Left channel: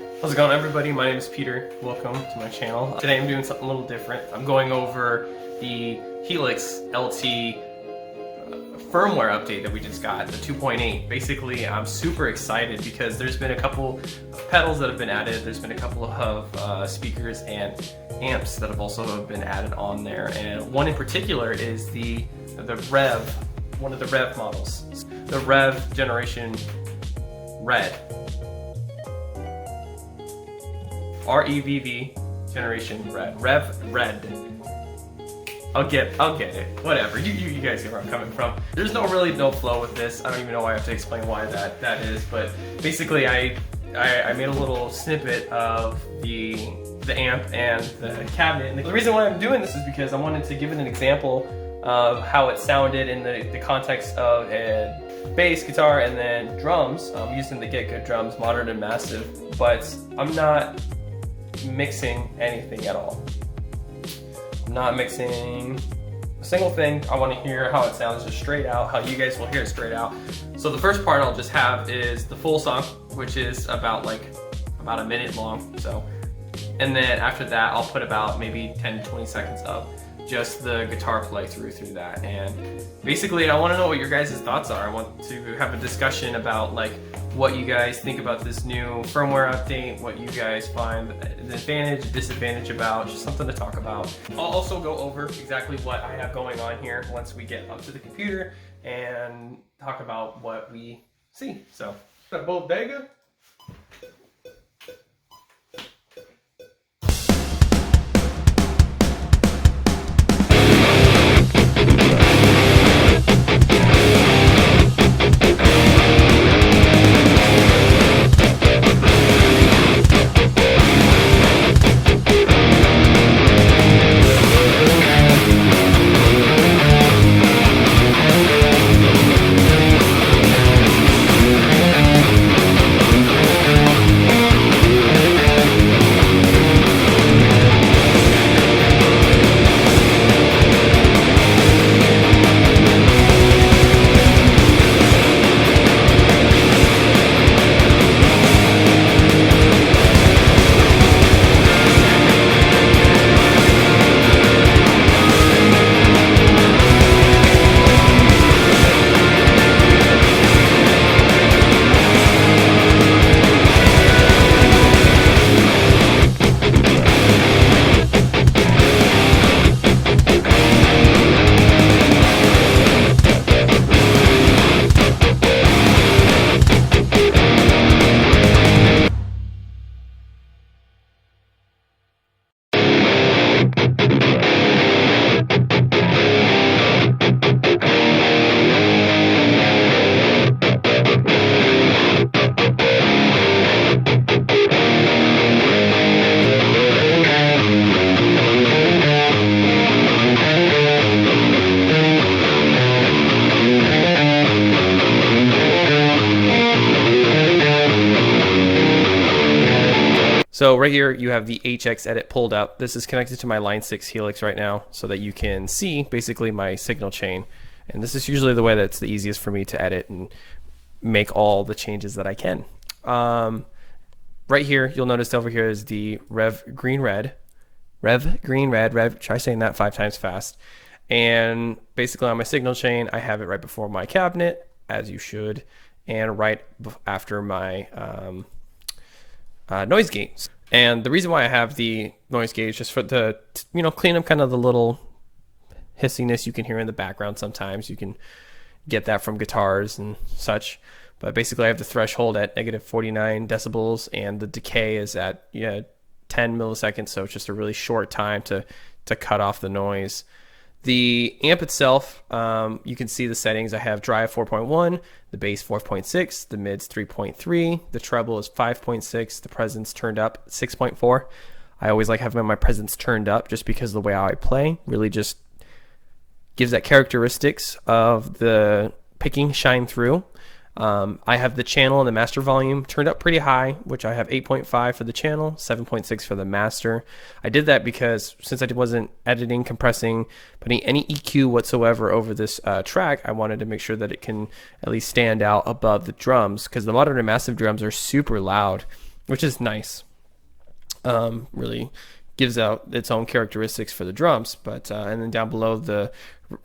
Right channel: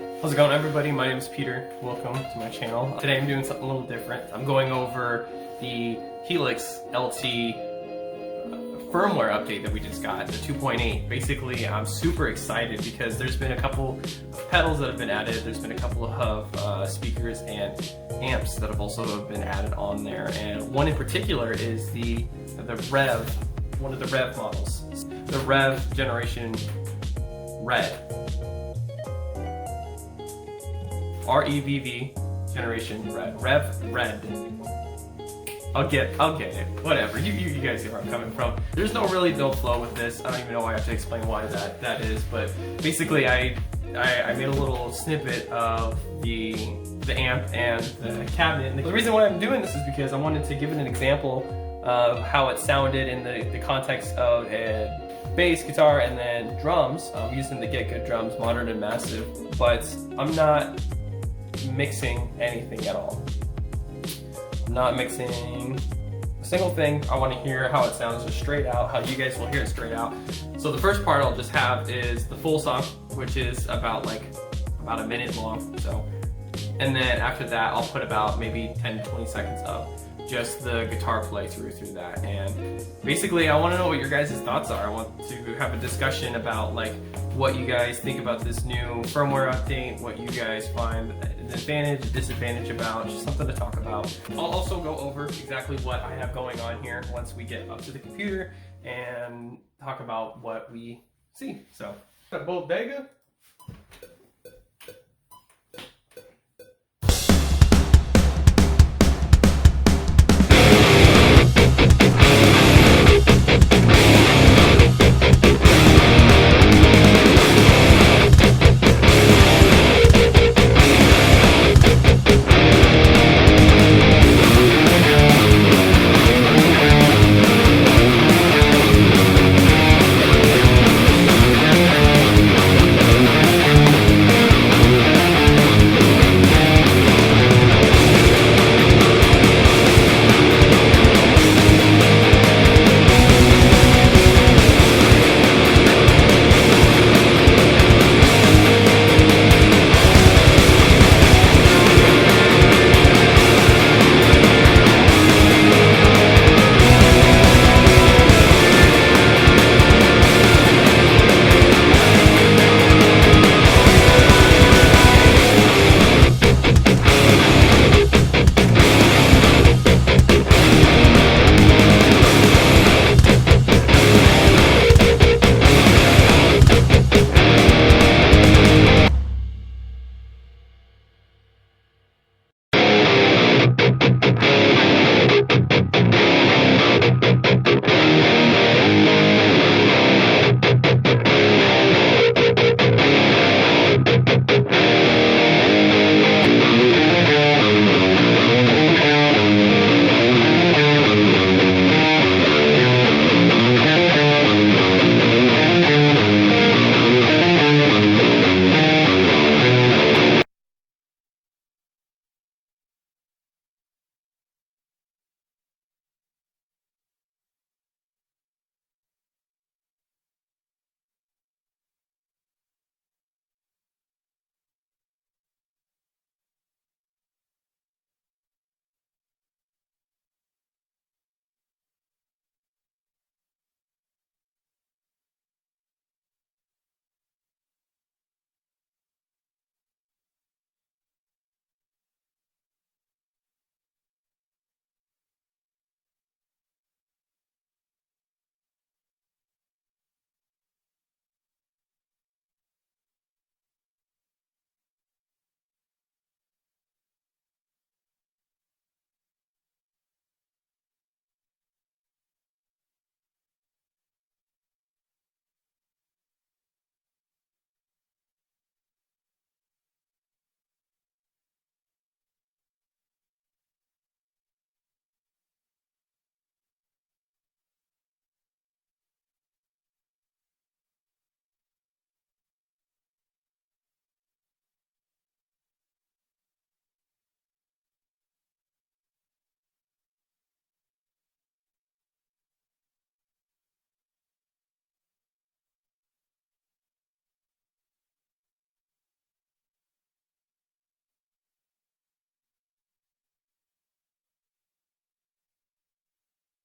How's it going, everybody? My name is Peter. Welcome to my channel. Today I'm doing something a little different. I'm going over the Helix LT firmware update that we just got, the 2.8. Basically, I'm super excited because there's been a couple of pedals that have been added. There's been a couple of speakers and amps that have also been added on there. And one in particular is the REV, one of the REV models, the REV Generation Red. REVV Generation Red. REV Red. I'll get it. Whatever. You guys see where I'm coming from. There's no flow with this. I don't even know why I have to explain why that is, but basically I made a little snippet of the amp and the cabinet. And the reason why I'm doing this is because I wanted to give it an example of how it sounded in the context of a bass, guitar, and then drums. I'm using the Get Good drums, modern and massive, but I'm not mixing anything at all. I'm not mixing a single thing. I want to hear how it sounds just straight out, how you guys will hear it straight out. So the first part I'll just have is the full song, which is about a minute long. So, and then after that I'll put about maybe 10 to 20 seconds of just the guitar play through that. And basically I want to know what your guys' thoughts are. I want to have a discussion about like what you guys think about this new firmware update, what you guys find the advantage, disadvantage about, just something to talk about. I'll also go over exactly what I have going on here once we get up to the computer and talk about what we see. So, the bodega. So right here you have the HX edit pulled up. This is connected to my Line 6 Helix right now so that you can see basically my signal chain. And this is usually the way that's the easiest for me to edit and make all the changes that I can. Right here, you'll notice over here is the REV Green Red. Try saying that 5 times fast. And basically on my signal chain, I have it right before my cabinet, as you should, and right after my noise gate. And the reason why I have the noise gate is just for the, clean up kind of the little hissiness you can hear in the background sometimes. You can get that from guitars and such. But basically I have the threshold at -49 decibels and the decay is at 10 milliseconds. So it's just a really short time to cut off the noise. The amp itself, you can see the settings. I have drive 4.1, the bass 4.6, the mids 3.3, the treble is 5.6, the presence turned up 6.4. I always like having my presence turned up just because the way I play really just gives that characteristics of the picking shine through. I have the channel and the master volume turned up pretty high, which I have 8.5 for the channel, 7.6 for the master. I did that because since I wasn't editing, compressing, putting any EQ whatsoever over this track, I wanted to make sure that it can at least stand out above the drums, because the modern and massive drums are super loud. which is nice. Really gives out its own characteristics for the drums. But and then down below, the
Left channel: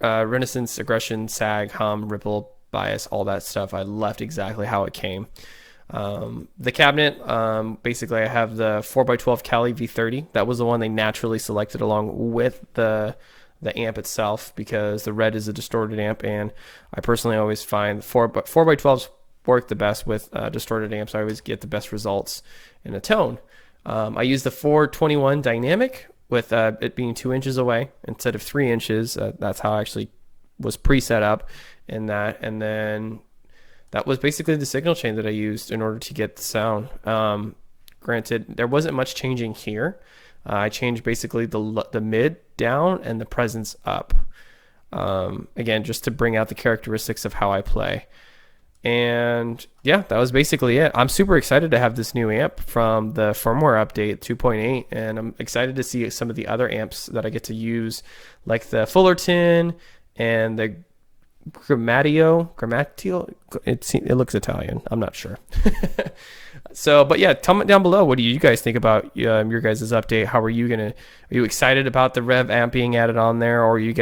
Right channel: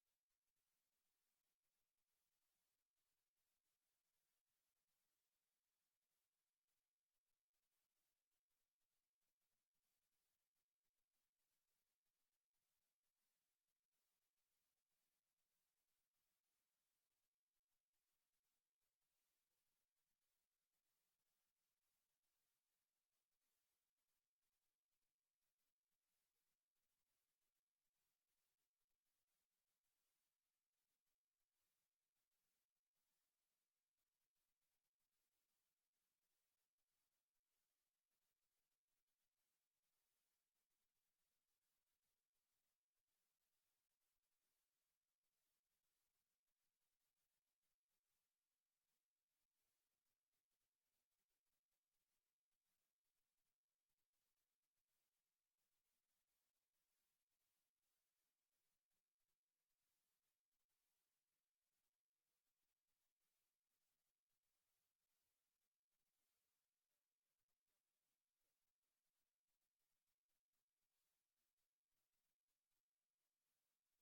Renaissance, aggression, sag, hum, ripple, bias, all that stuff, I left exactly how it came. The cabinet, basically I have the 4x12 Cali V30. That was the one they naturally selected along with the amp itself, because the Red is a distorted amp, and I personally always find 4x12s work the best with distorted amps. I always get the best results in a tone. I use the 421 dynamic with it being 2 inches away instead of 3 inches. That's how I actually was pre-set up in that. And then that was basically the signal chain that I used in order to get the sound. Granted, there wasn't much changing here. I changed basically the mid down and the presence up. Again, just to bring out the characteristics of how I play. And yeah, that was basically it. I'm super excited to have this new amp from the firmware update 2.8, and I'm excited to see some of the other amps that I get to use, like the Fullerton and the Grammatio. It looks Italian. I'm not sure. So, but yeah, comment down below. What do you guys think about your guys' update? Are you excited about the Rev amp being added on there, or are you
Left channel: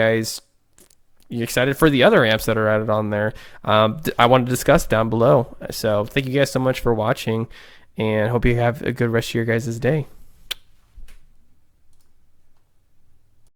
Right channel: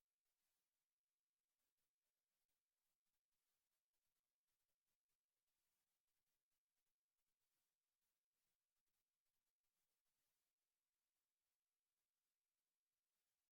excited for the other amps that are added on there? I want to discuss down below. So thank you guys so much for watching, and hope you have a good rest of your guys' day.